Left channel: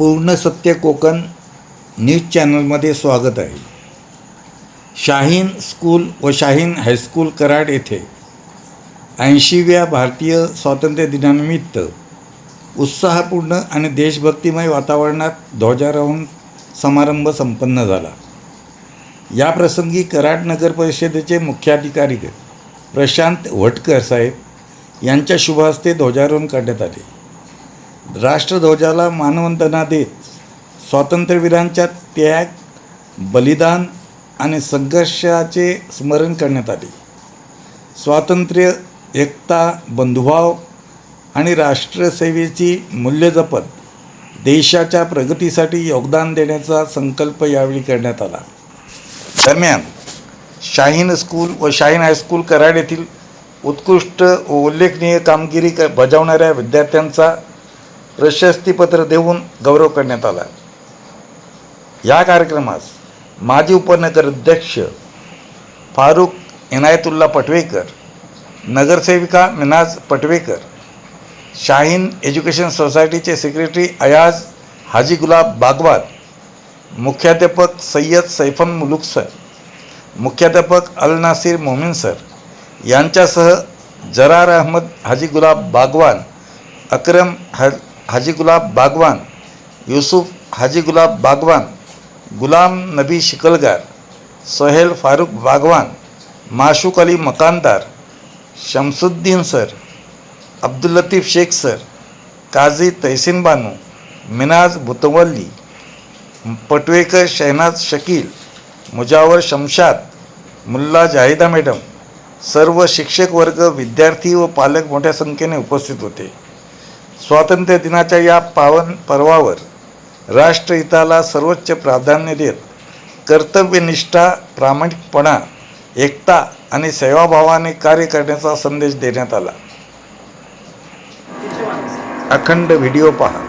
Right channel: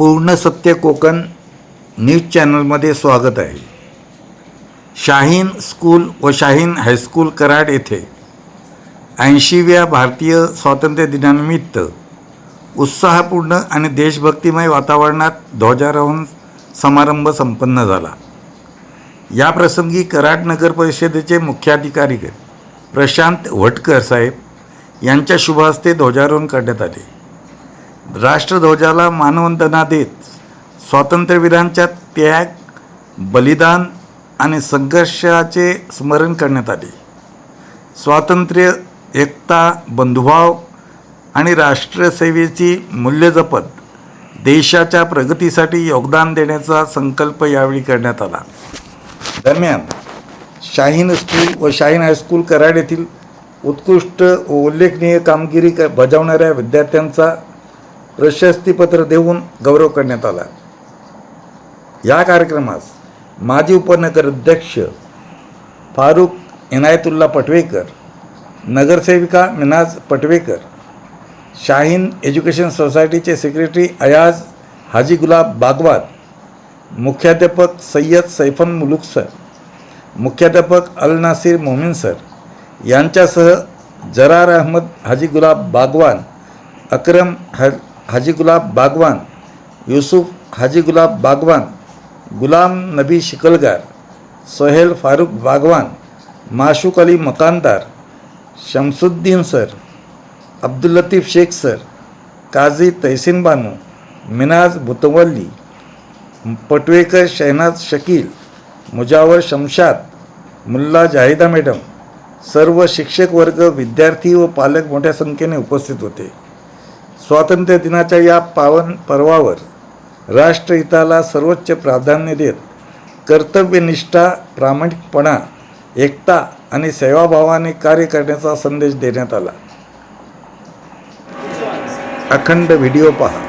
पूर्ण सत्य कोकण न्यूज चॅनलमध्ये स्वागत आहे. शाहीन स्कूल व शाहीन हायस्कूल कराड येथे 80व्या भारतीय स्वातंत्र्य दिनानिमित्त उत्साहपूर्ण आणि देशभक्तिमय वातावरणात ध्वजारोहण समारंभ संपन्न झाला. या प्रसंगी कराड नगर परिषदेचे मुख्याधिकारी प्रशांत वटकर साहेब यांच्या शुभ हस्ते ध्वजारोहण करण्यात आले. राष्ट्रध्वजाला मानवंदना देत स्वातंत्र्यवीरांच्या त्याग, बलिदान आणि संघर्षाचे स्मरण करण्यात आले. स्वातंत्र्य, एकता, बंधुभाव आणि राष्ट्रसेवेची मूल्ये जपत देशाच्या प्रगतीसाठी योगदान देण्याचा संकल्प यावेळी करण्यात आला. दरम्यान शाहीन स्कूल व शाहीन हायस्कूल कराड येथील उत्कृष्ट व उल्लेखनीय कामगिरी बजावणाऱ्या विद्यार्थ्यांचा प्रशस्तीपत्र देऊन गौरव करण्यात आला. या कार्यक्रमास माजी उपनगर अध्यक्ष फारुख इनायतुल्ला पटवेकर, नगरसेविका मिनाज पटवेकर, शाहीन एज्युकेशन सोसायटीचे सेक्रेटरी अयाज हाजी गुलाब बागवान, मुख्याध्यापक सय्यद सैफन मुलुक सर, मुख्याध्यापक अल नासिर मोमीन सर यांच्यासह जरार अहमद हाजी गुलाब बागवान, अकरम हाजी गुलाब बागवान, युसुफ हाजी गुलाब बागवान, गुलाम नबी शिकलगार, सोहेल फारुख बागवान, माशूक अली मकानदार, शमसुद्दीन सर, अब्दुल लतीफ शेख सर, काझी तहसीन बानू, मिनाज बुतवल्ली, पटवेकर शहनाज शकील, मुजावर शमशाद, मुल्ला जाहिदा मॅडम, सर्व शिक्षक वर्ग, विद्यार्थी व पालक मोठ्या संख्येने उपस्थित होते. स्वातंत्र्य दिनाच्या या पावन पर्वावर राष्ट्रहिताला सर्वोच्च प्राधान्य देत कर्तव्यनिष्ठा, प्रामाणिकपणा, एकता आणि सेवाभावाने कार्य करण्याचा संदेश देण्यात आला. अखंड व्हिडिओ पहा.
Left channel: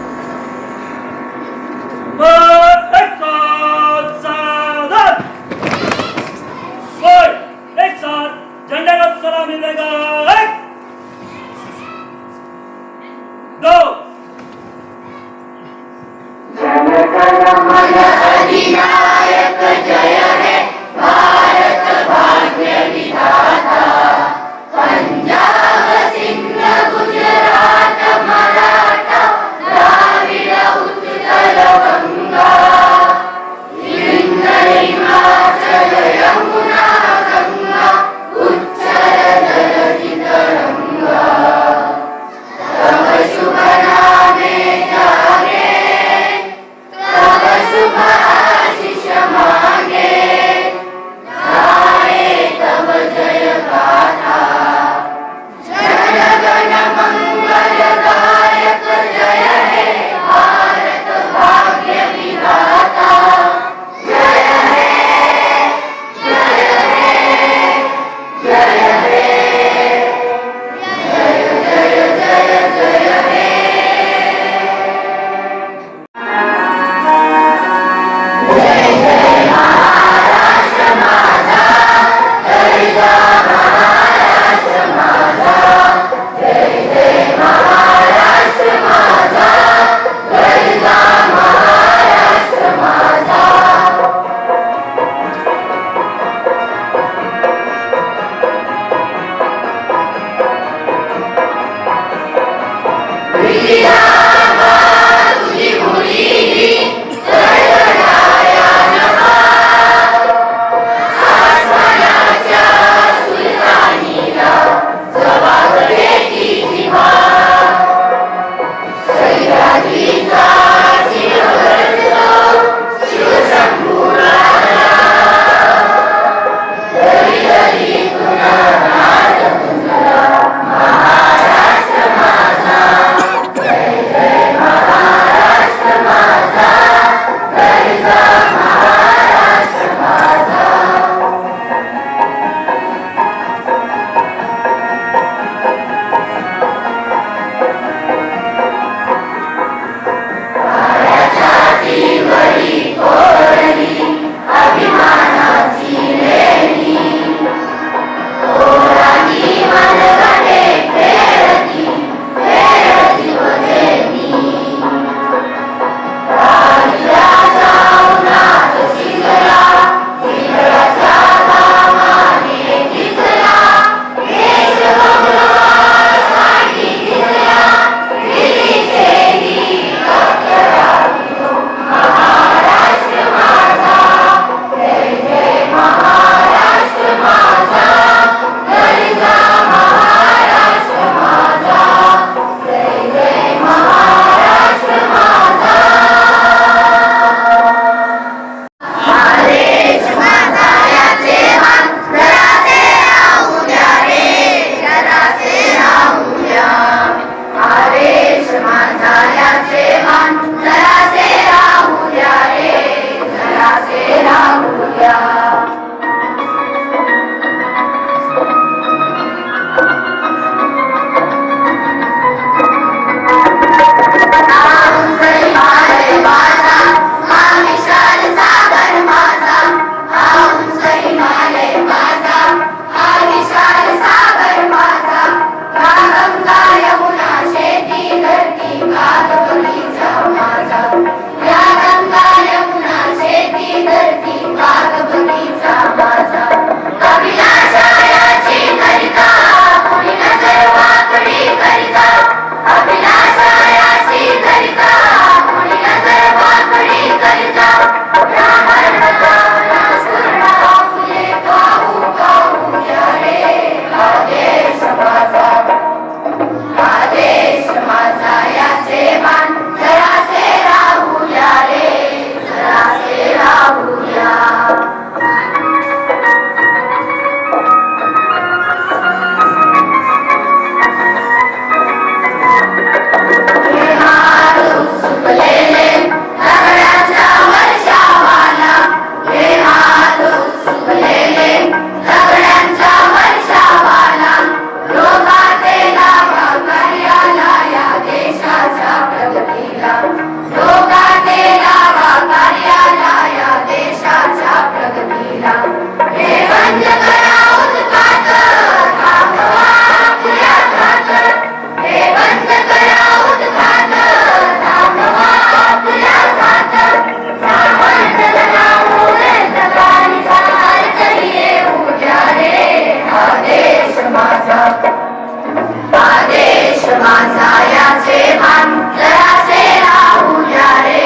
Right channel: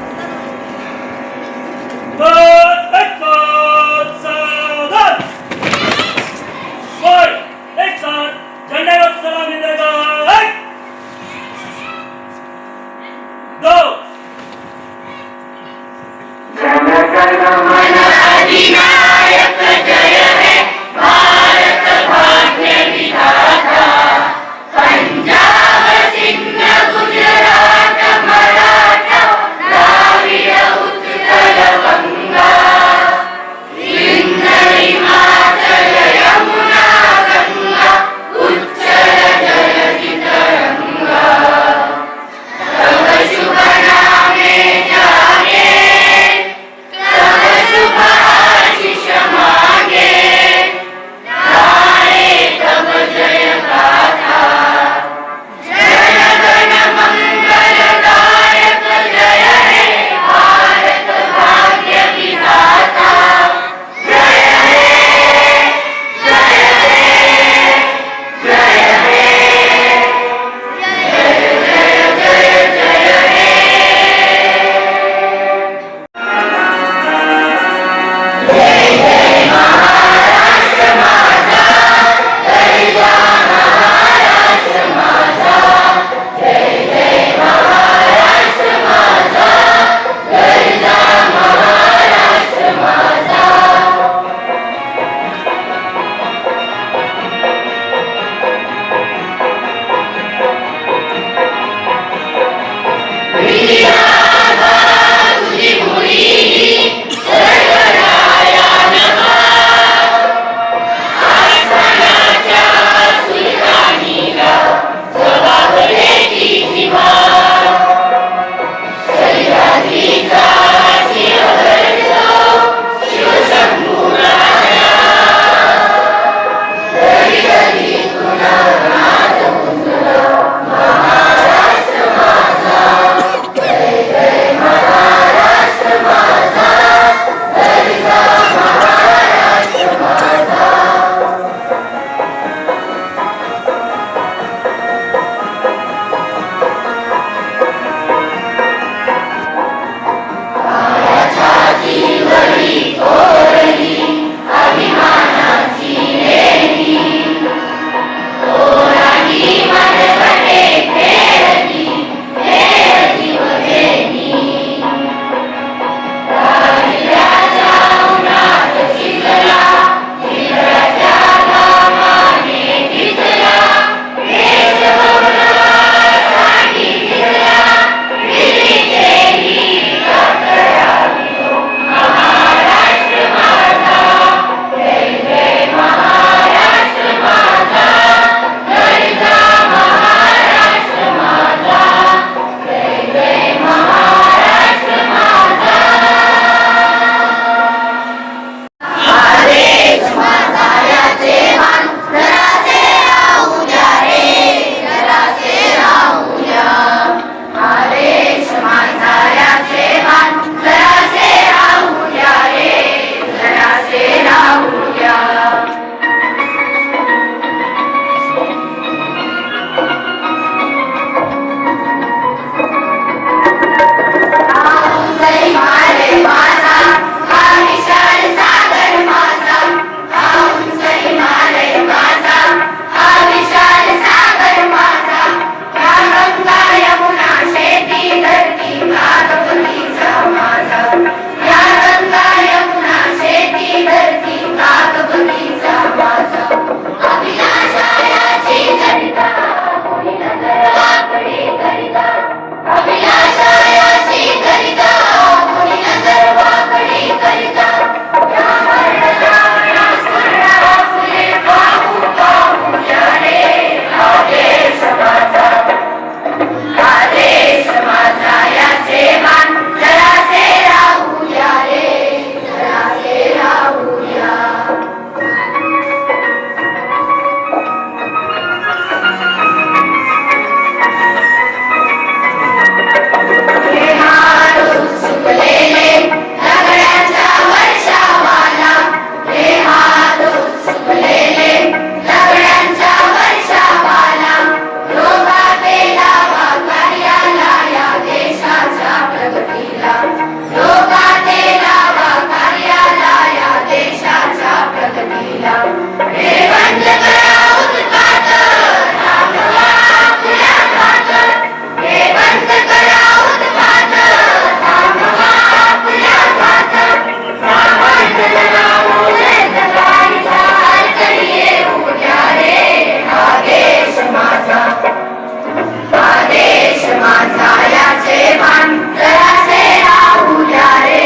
आदेश माझा याचे भान जरासे राहू द्या रे,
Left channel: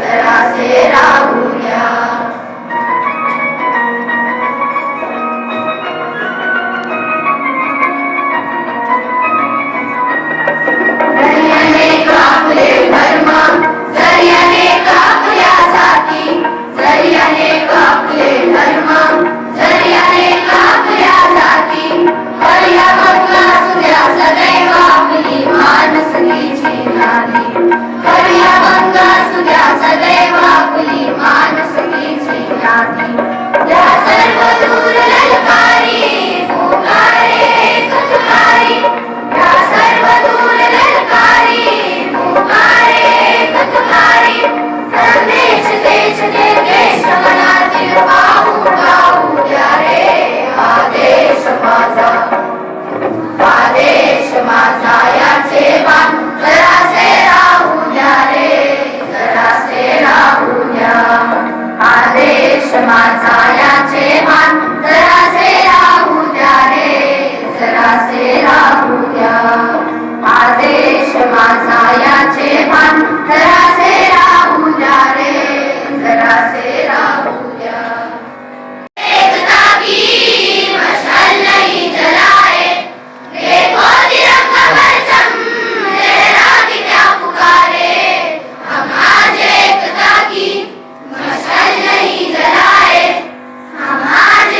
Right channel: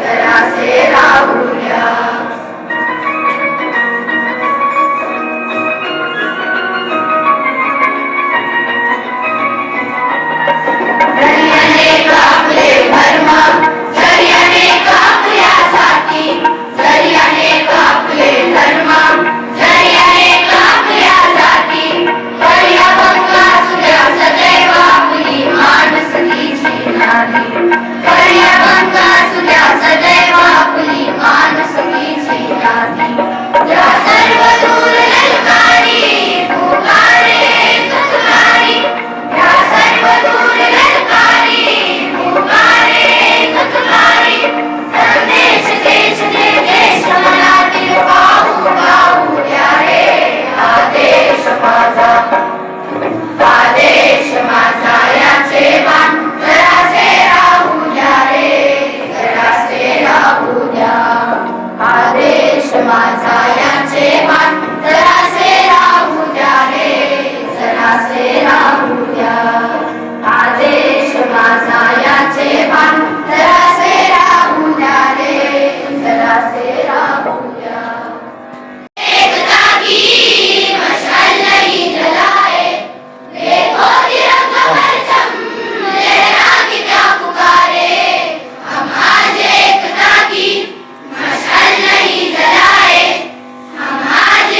जरासे राहू द्या. जर्याने कापले धर्म, जर्याने कापल्यासाठी, जर्याने कापले धर्म, जर्याने कापल्यासाठी. करूया गंगा सुद्या सदैव आपली माणुसकीची यादी. करूया गंगा सुद्या सदैव आपली माणुसकीची यादी. या सर्व दूर ललकारी पुकारे तुकारी, या सर्व दूर ललकारी पुकारे तुकारी. संदेश देश दे देश मला दिल पाहू गाऊ द्या रे. आदेश माझा, आदेश माझा याचे भान जरासे राहू द्या रे, जरासे राहू द्या. आदेश माझा याचे भान जरासे राहू द्या रे, जरासे राहू द्या. आदेश माझा याचे भान जरासे राहू द्या रे, जरासे राहू द्या. एकता की मशाल नहीं जलाए, देखो तिरंगा परचम लहरा के क्या पुकारे. हम आज एकता की मशाल नहीं जलाए, हम आज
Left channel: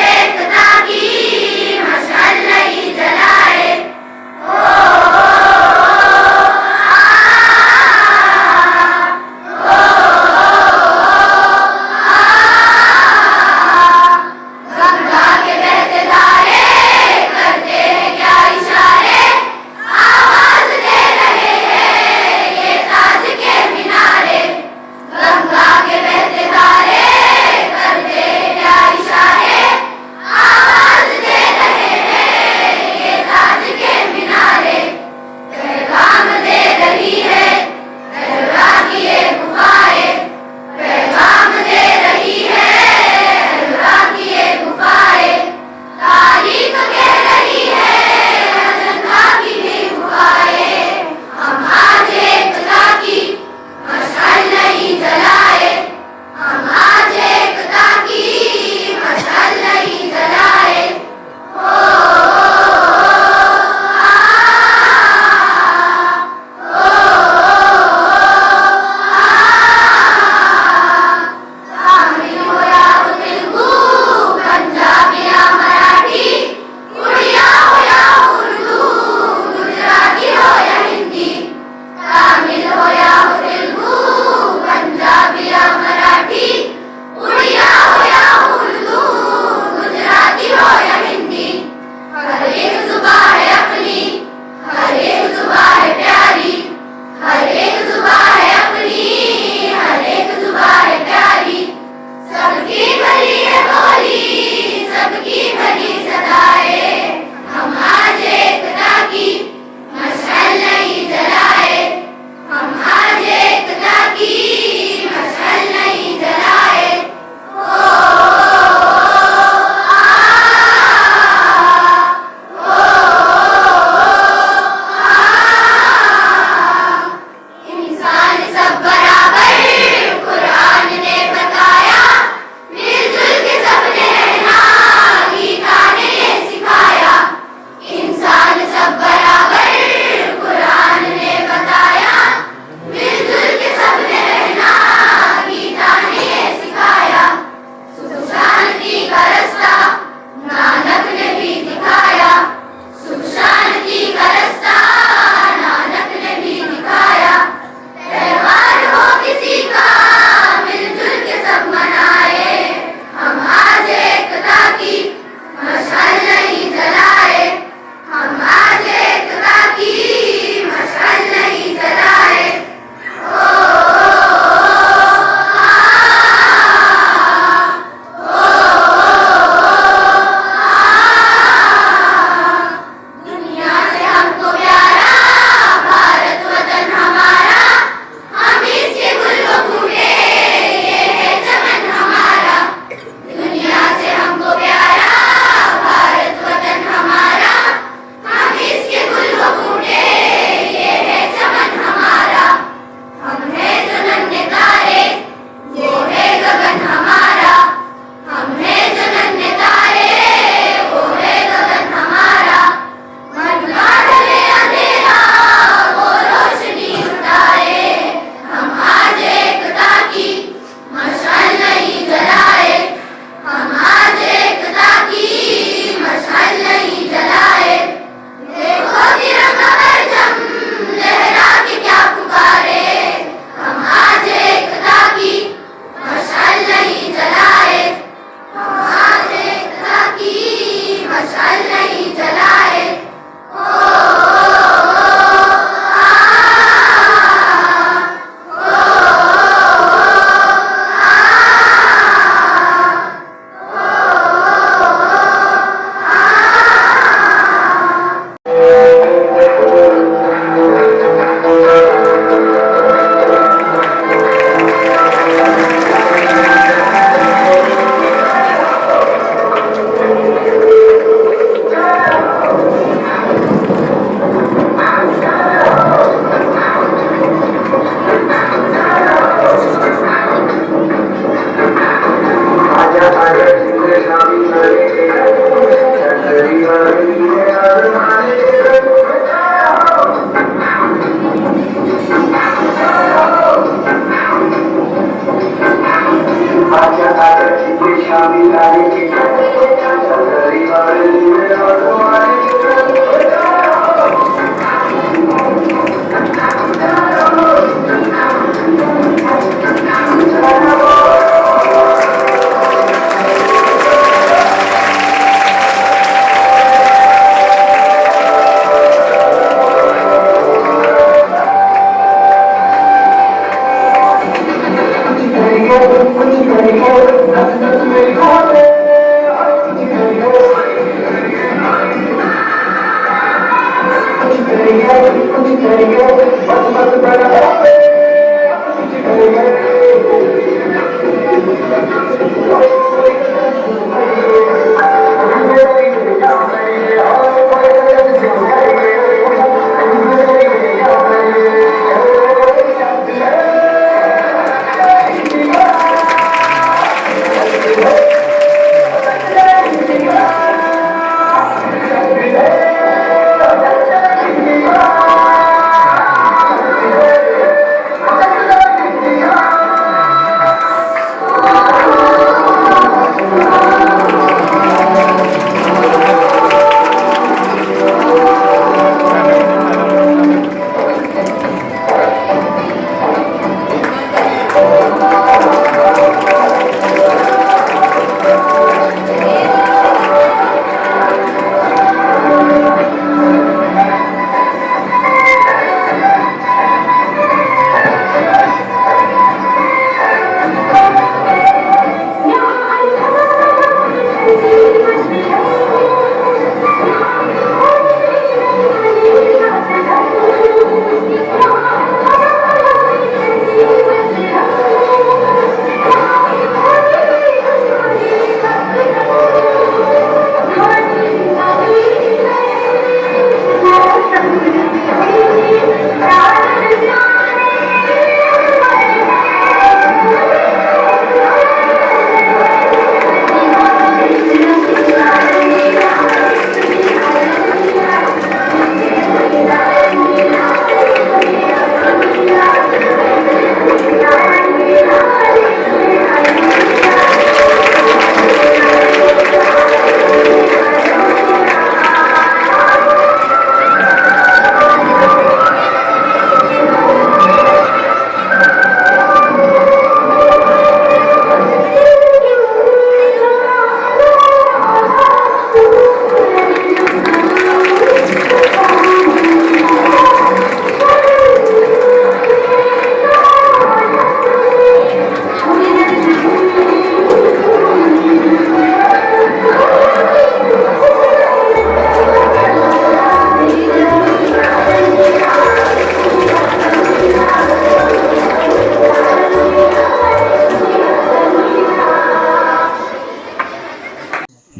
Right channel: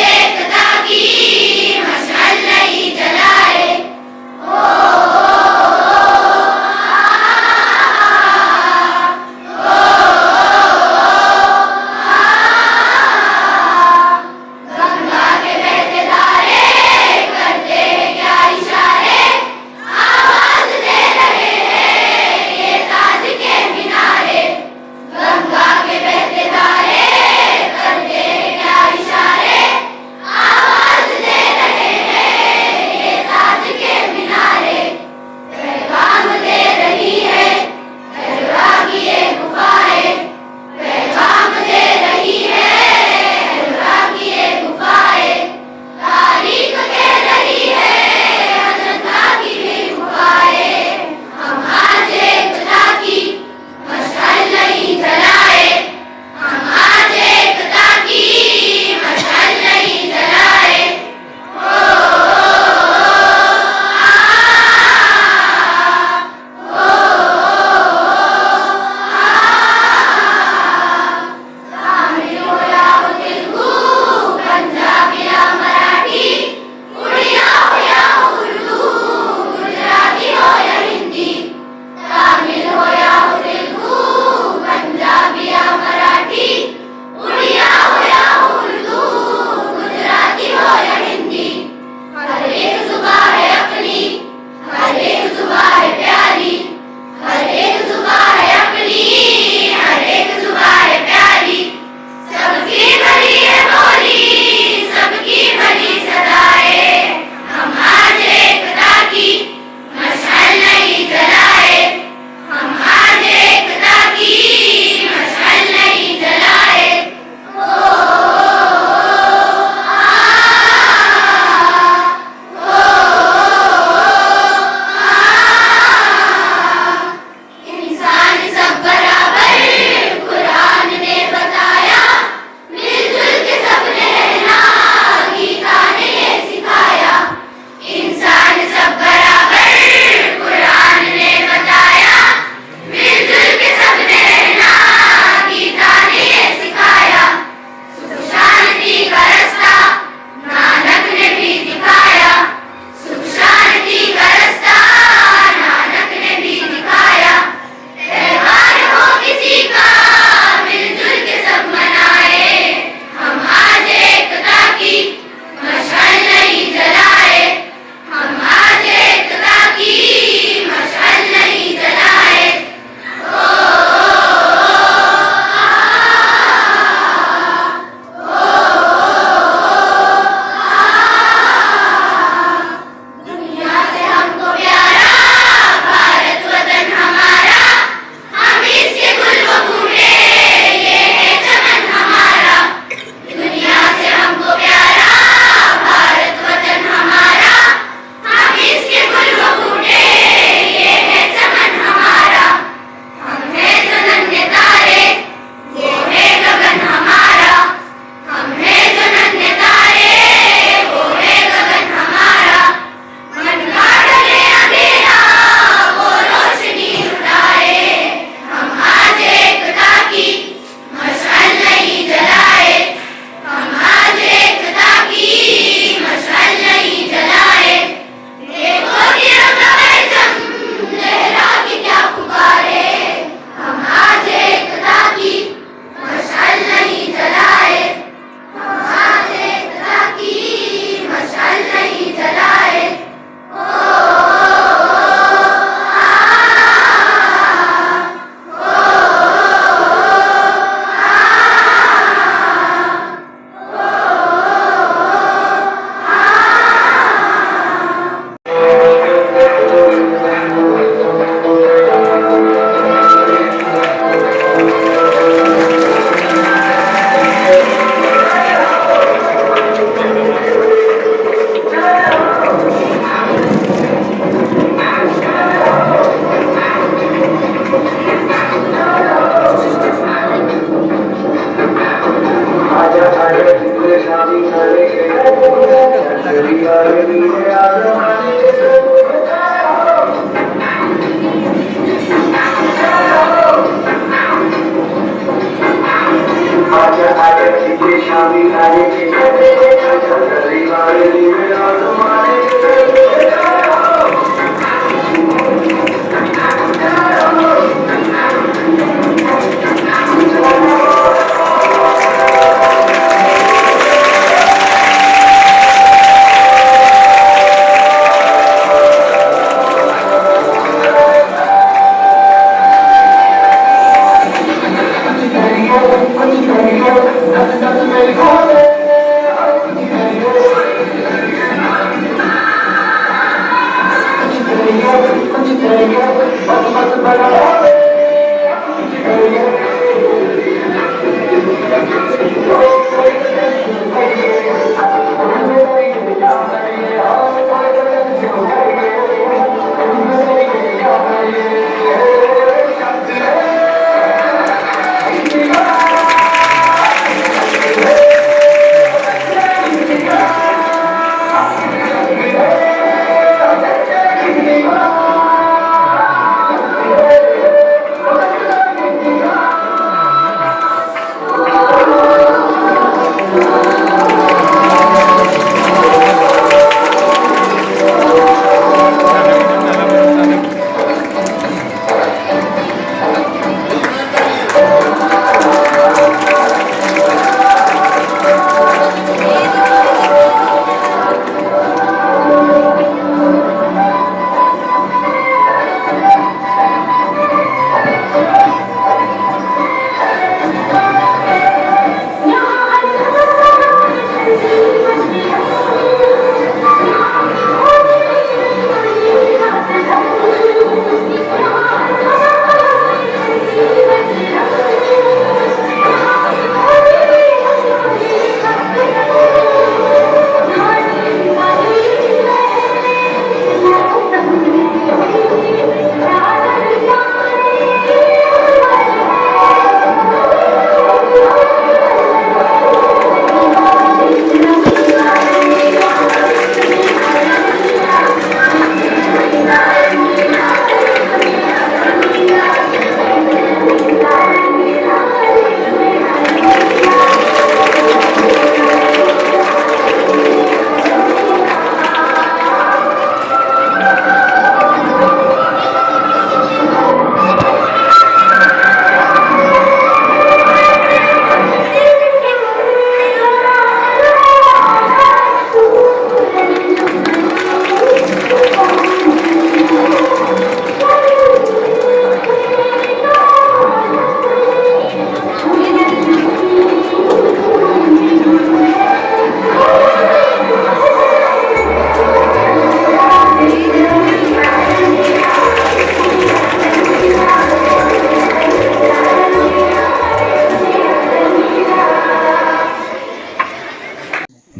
माझ्या ताट्याची पेशावी गाण्याची रविवार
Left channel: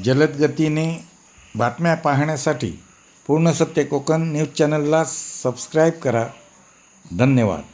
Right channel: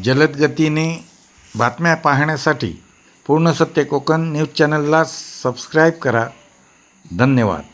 जलद गतीने बातम्या पाहण्यासाठी पूर्ण सत्य कोकण न्यूज चॅनलला सबस्क्राईब करा. धन्यवाद.